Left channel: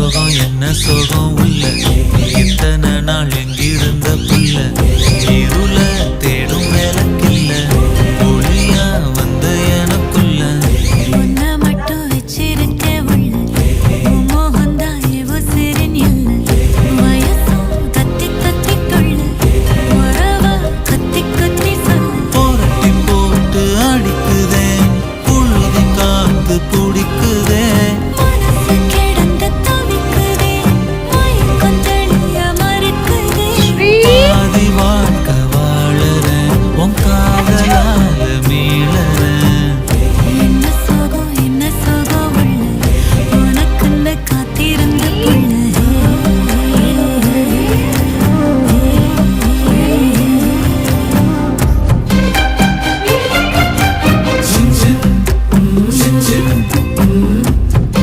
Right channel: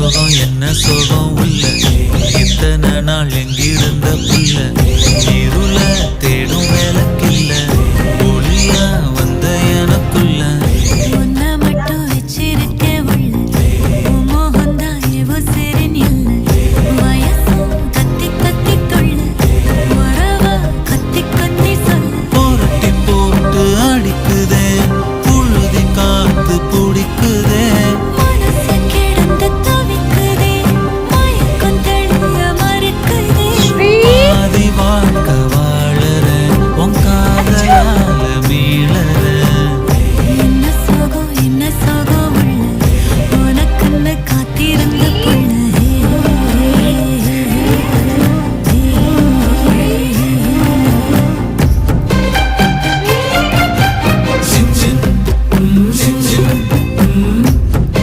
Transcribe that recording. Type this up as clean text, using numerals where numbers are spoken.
சோகம் என்ன சோகம் உள்ள இத்தனை நாள் எங்கிருந்த புல்ல இருள தேடும் வேலைக்கில்ல ஒளியா வந்த எனக்குள்ள ஒன்ன மட்டும் வச்சிருக்க உள்ள மோகந்தான் எவோ சிறின் இல்ல வயசும் கத்தி கத்தி தொள்ள உறவா கத்தி கத்தி சொல்ல போரட்டி போட்டு அடிக்குதே புழுதி காத்து பிடிக்குதே மனசு கிடந்து தவிக்குதே மயக்கம் தெளிய மறுக்குதே பாதி வாழ்க்கை வாழற உன் காதலால மீளற